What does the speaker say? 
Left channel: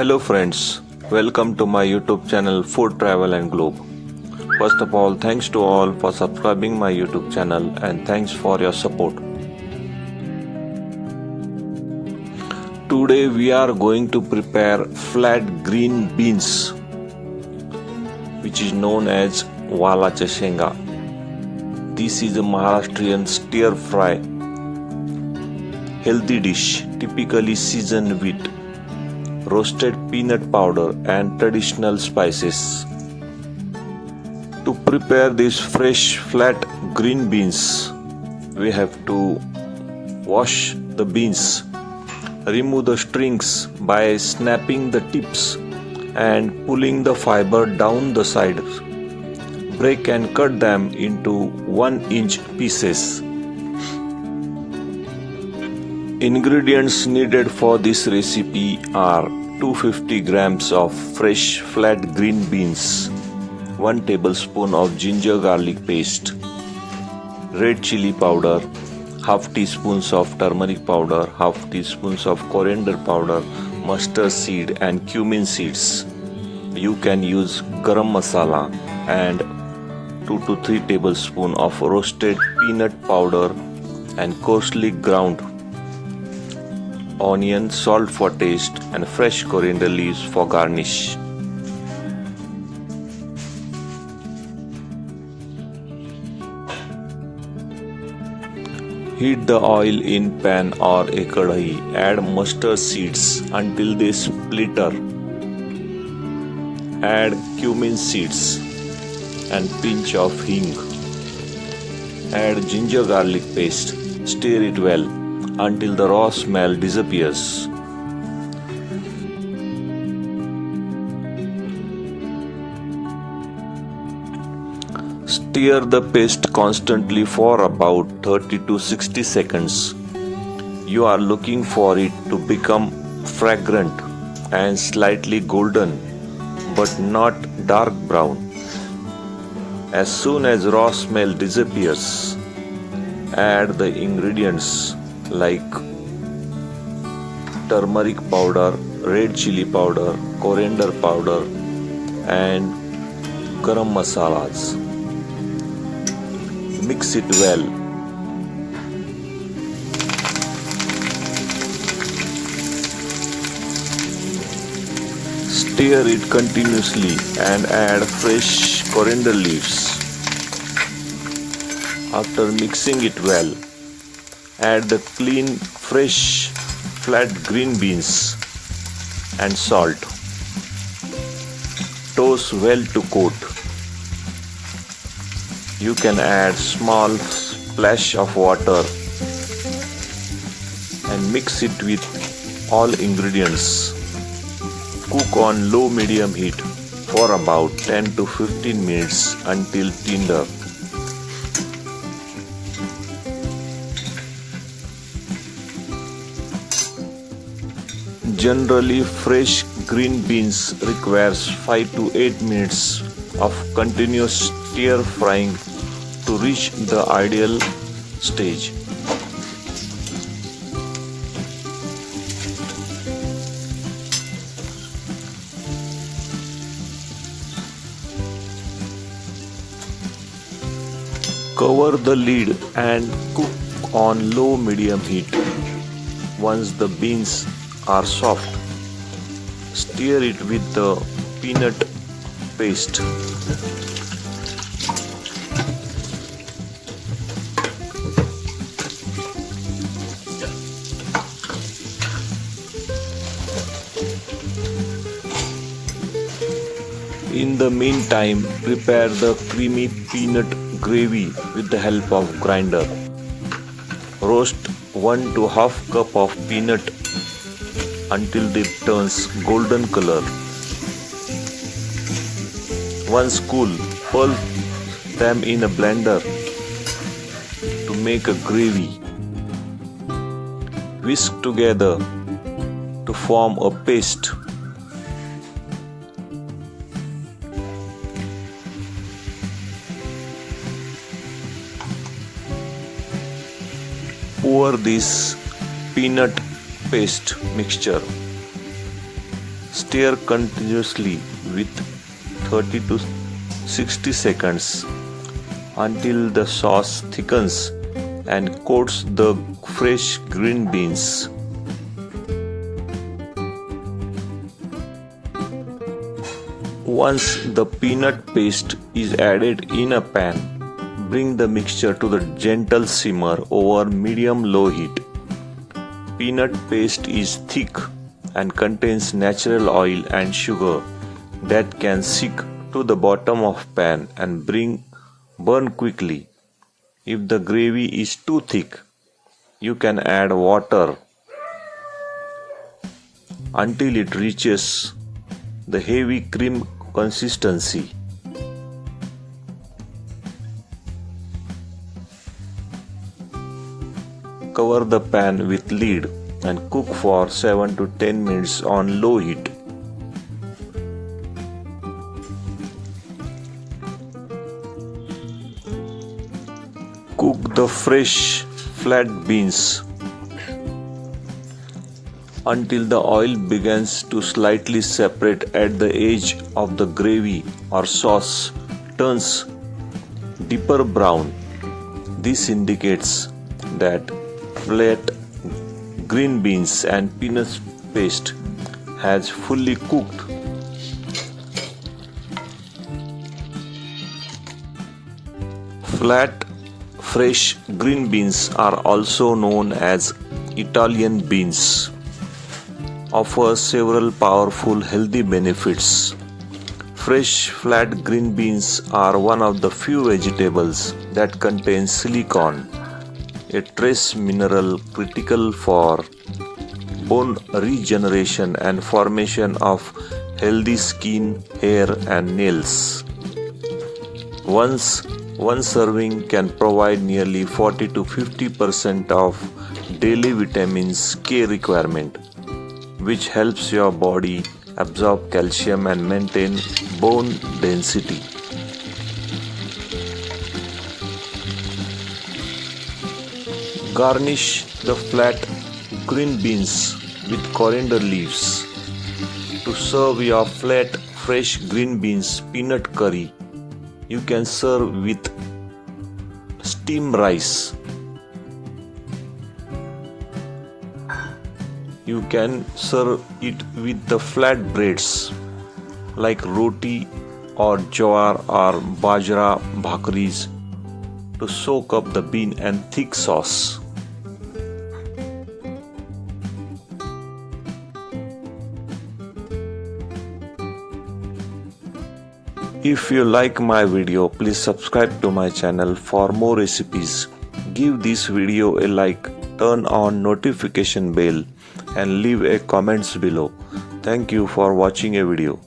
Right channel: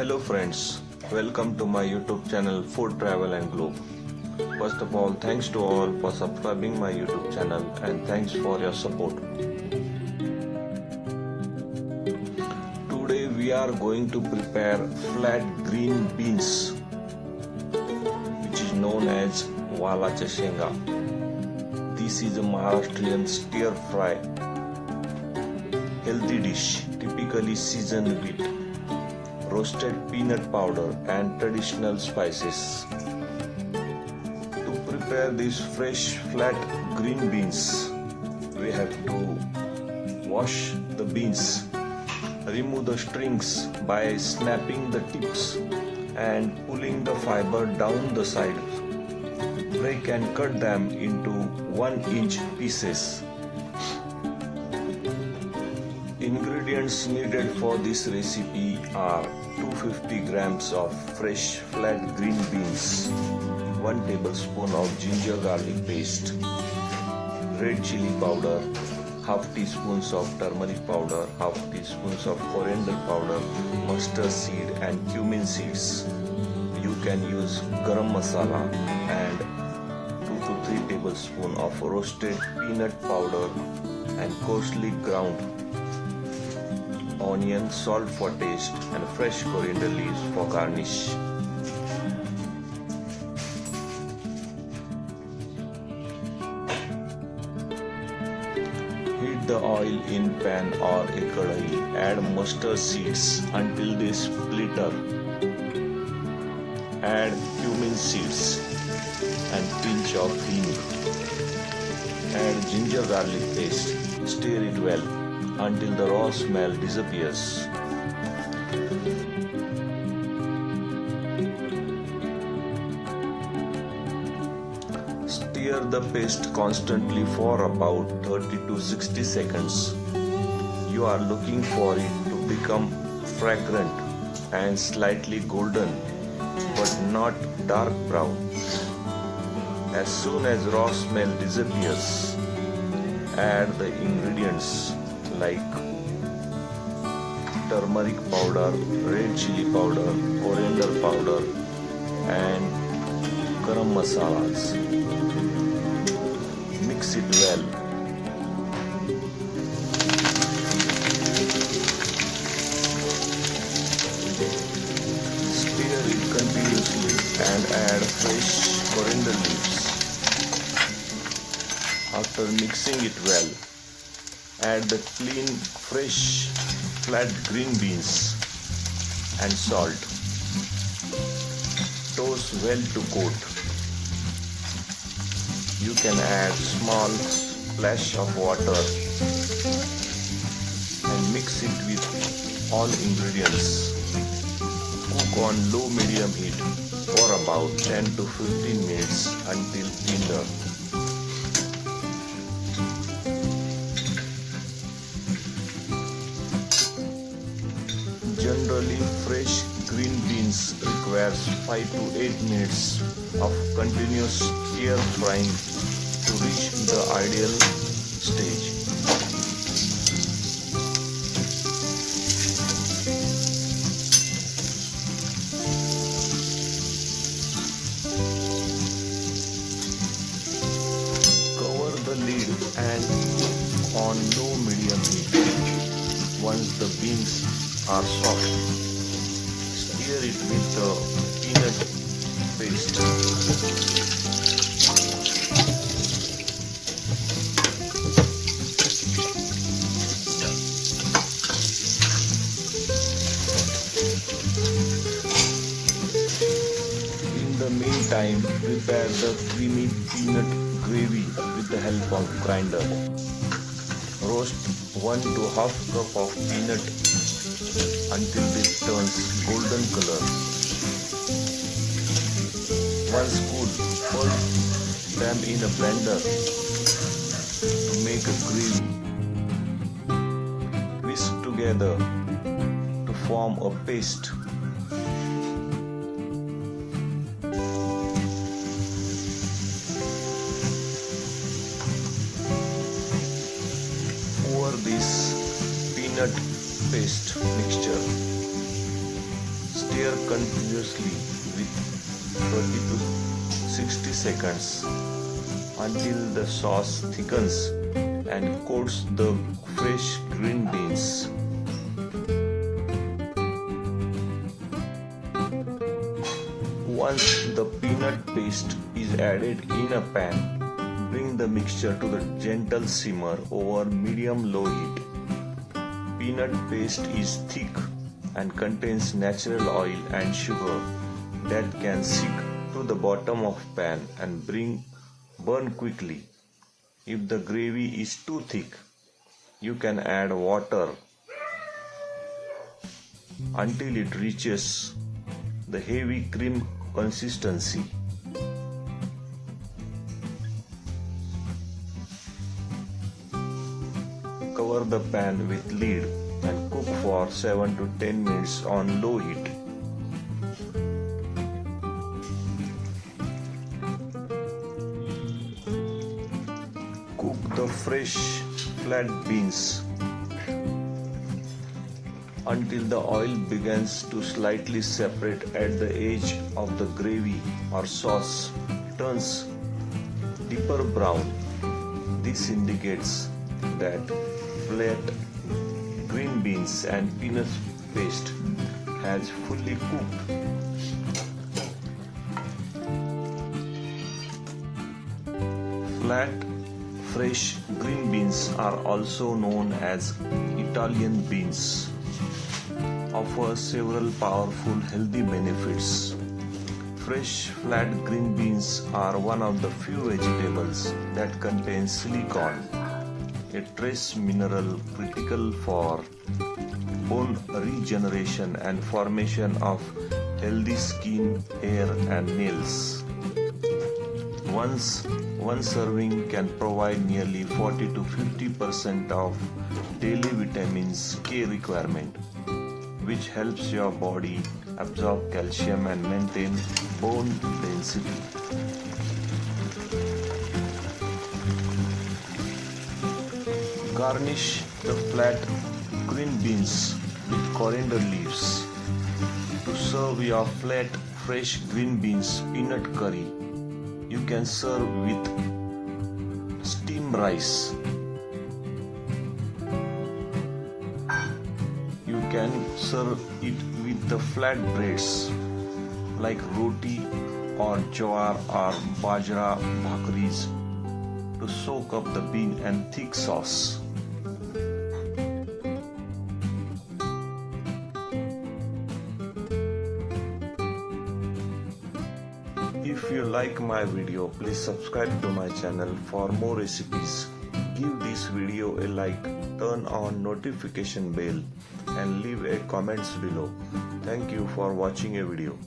Hello friends, welcome to my YouTube channel Food Travel and Globe. First of all, thanks to all for subscribing my YouTube channel and thanks for your support. Today we are going to prepare flat green beans, which is known as Valachi Shengachi. This is a Maharashtrian stir fry healthy dish typically seasoned with roasted peanut powder and traditional spices. To prepare these fresh flat green beans, we have to wash the beans, remove the strings by snapping the tips and pulling the fiber down the side. Break and cut them into 1-inch pieces. Ingredients needed for this recipe are 250 grams of fresh flat green beans, 1 tablespoon of ginger garlic paste, red chili powder, half teaspoons of turmeric powder, half teaspoons of coriander powder, mustard seed and cumin seeds. You can use garam masala and 2 to 3 tablespoons of roasted peanut powder and coarsely ground onion, salt for taste and fresh coriander leaves for garnish. Heat the oil in pan or a kadai. Add mustard seeds until they splutter. Add cumin seeds and pinch of hing. Add ginger garlic paste. Stir it well until the raw smell disappears. Stir the paste constantly for about 30 to 60 seconds. You are looking for it to become fragrant and slightly golden, but not dark brown. As soon as raw smell disappears, add the ingredients like turmeric powder, red chili powder, coriander powder and garam masalas. Mix it well. Stir it continuously and add fresh coriander leaves. After mixing it well, add the clean, fresh, flat green beans and salt. Toss well to coat. You can add small splash of water and mix it with all ingredients. Cook on low-medium heat for about 10 to 15 minutes until tender. Generally, fresh green beans requires 5 to 8 minutes of continuous stir frying to reach the ideal stage. Cover the lid and cook on low-medium heat. Once the beans are soft, stir it with the peanut paste. In the meantime, prepare the creamy peanut gravy with the help of grinder. Roast 1 to half cup of peanut until it turns golden color. Once cool, pulp them in a blender to make a gravy. Whisk together to form a paste. Pour this peanut paste mixture. Stir continuously with 30 to 60 seconds until the sauce thickens and coats the fresh green beans. Once the peanut paste is added in a pan, bring the mixture to the gentle simmer over medium-low heat. Peanut paste is thick and contains natural oil and sugar that can sink to the bottom of pan and burn quickly. If the gravy is too thick, you can add water until it reaches the heavy cream consistency. Cover the pan with lid and cook for 7 to 10 minutes on low heat. Cook the fresh flat beans until the oil begins to slightly separate at the edge of the gravy or sauce turns deeper brown. This indicates that flat green beans and peanut paste has fully cooked. Flat fresh green beans are also known as Italian beans. Offer several powerful healthy benefits. Fresh flat green beans are one of the few vegetables that contain silicon, a trace mineral critical for bone regeneration and formation of healthy skin, hair, and nails. One serving can provide nearly 40 to 50% of daily vitamins K requirement, which helps your body absorb calcium and maintain bone density. Garnish the flat green beans with coriander leaves. To serve your flat fresh green beans peanut curry, you can serve with steamed rice. You can serve it with the flat breads like roti or jowar or bajra bhakris to soak up the bean and thick sauce. If you like my video, please subscribe to my channel for more recipes. Give this video a like, turn on notification bell and leave a comments below. Thank you for watching a video.